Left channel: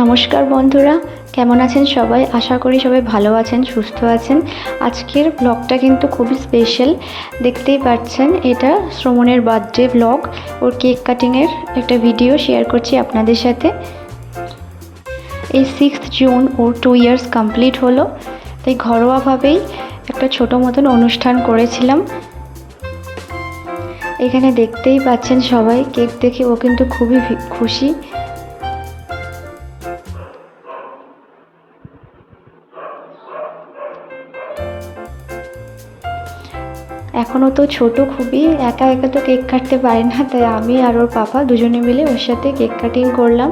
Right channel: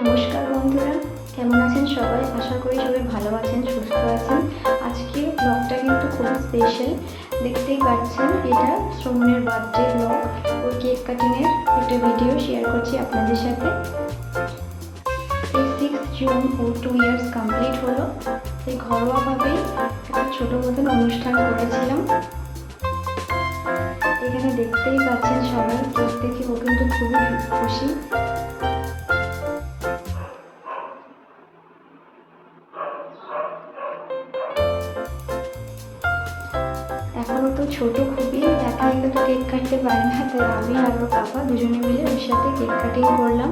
নমস্কার বন্ধুরা, কেমন আছেন সবাই? আশা করি সবাই ভালো আছেন, সুস্থ আছেন। আজকের ব্লগটা কিন্তু খুবই স্পেশাল। দেখতেই পাচ্ছেন, এটা শ্রমণের বার্থডে ব্লগ। ওর কেক কাটিংয়ের একটা ভিডিও শেয়ার করছি আপনাদের সাথে। এই 6 জুন ওর 2 ইয়ার্স কমপ্লিট হলো, তাই ঘরোয়াভাবেই একটা ছোটো মতন অনুষ্ঠান করেছিলাম। এখানে দেখতেই পাচ্ছেন সবাই, কেক দেখে ও কিন্তু খুবই খুশি। এখনও তো ছোট খুবই, একা একা তো কেক কাটতে পারে না, তাই আমি আর ওর পাপা দুজনে মিলে ওর সাথে কেক কাটিং করলাম।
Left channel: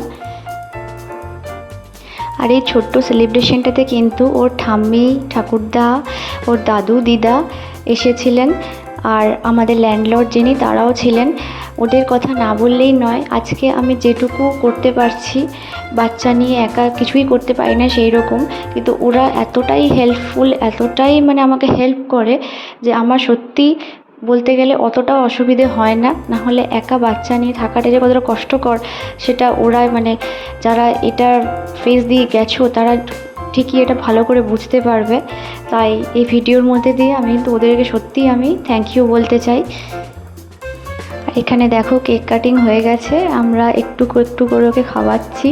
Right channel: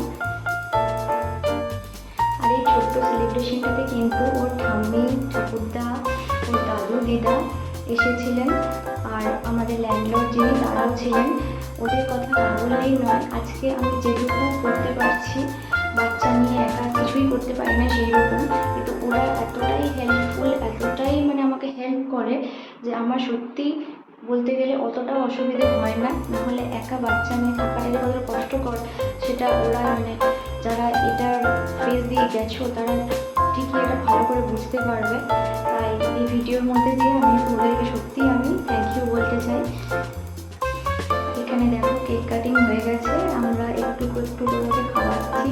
আর এই ছোট্ট সেলিব্রেশনটাতে কিন্তু ওর ঠাম্মি, ঠাকুরদা, ওর দাদু, দিদা এসেছিলেন। আর আমাদের ল্যান্ডলর্ড যিনি, তারাও ছিলেন। ওদের কথা না বললেই নয়। আজকে আমি যেটুকু করতে পারছি, বাচ্চা নিয়ে একা কিছুই করতে পারি না সেই রকম, কিন্তু ওরা এতটাই হেল্পফুল, এতটাই আমাকে হেল্প করে যে আমার সত্যি বলতে গেলে অতটাও অসুবিধে হয় না। নাহলে একা বাচ্চা নিয়ে থাকাটা যে কতটা কষ্টকর, সেটা ওরা যারা এটার ফেস দিয়ে গেছো তারা ঠিকই এটা ভালো করে বুঝতে পারবে। তাই এই ভিডিওর মধ্যে দিয়ে আমি তো ওদেরকে সত্যিই আমি থ্যাংক ইউ বলতে চাই। এখানে দেখো কেক কাটিং হয়ে গেছে, আমরা একটু একটু করে ওকে খাওয়াচ্ছি।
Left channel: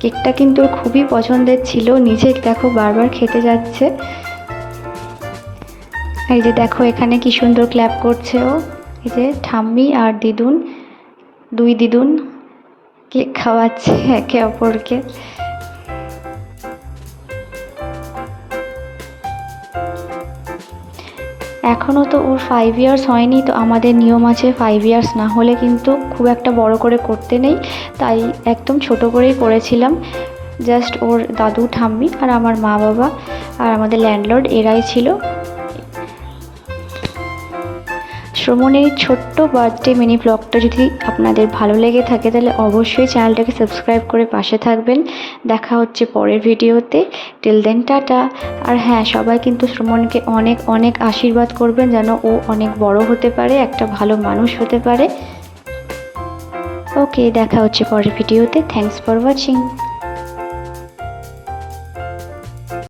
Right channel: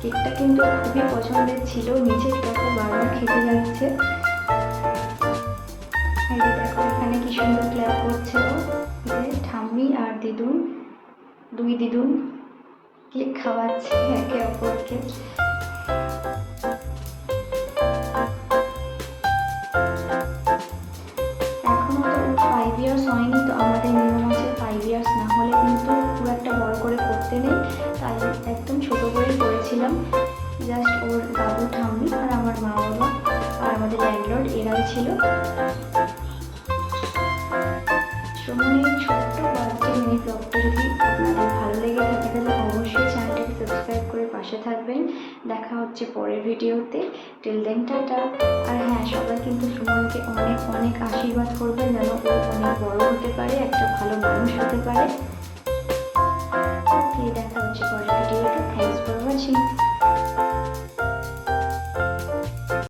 কেকটা কিন্তু খুবই পছন্দের ছিল, নিজে দেখো বারবার খেতে যাচ্ছে। এই যে দেখো এখানে কি সুন্দর ক্ল্যাপ করছে ও। এই যে ঠাম্মি আর দিদুন, দুই দিদুন কেক খাওয়াচ্ছে একে অপরকে। এখনও তো ওর 5 ইয়ার্স হয়নি, তো আমাদের নিয়ম আছে 5 ইয়ার্স না হলে কিন্তু খুব একটা বড় করে করতে নেই, তাই একদম ছোট করেই করেছিলাম। জাস্ট ওর দাদু, ঠাম্মি আর আমার মা বাবা আর আমাদের ল্যান্ডলর্ড এরাই ছিল। শ্রমণের ছোট্ট বার্থডে মিনি ব্লগটা যদি আপনাদের ভালো লেগে থাকে তাহলে অবশ্যই চ্যানেলটাকে সাবস্ক্রাইব করে পাশে থাকবেন। দেখা হচ্ছে পরের ভিডিওতে। Till then tata. আর হ্যাঁ, সবাই কিন্তু শ্রমণকে অনেক অনেক আশীর্বাদ করবেন যেন ও অনেক বড় হতে পারে, একটা ভালো মানুষ হতে পারে। ওকে, দেখা হচ্ছে পরের ভিডিওতে। Thanks for watching.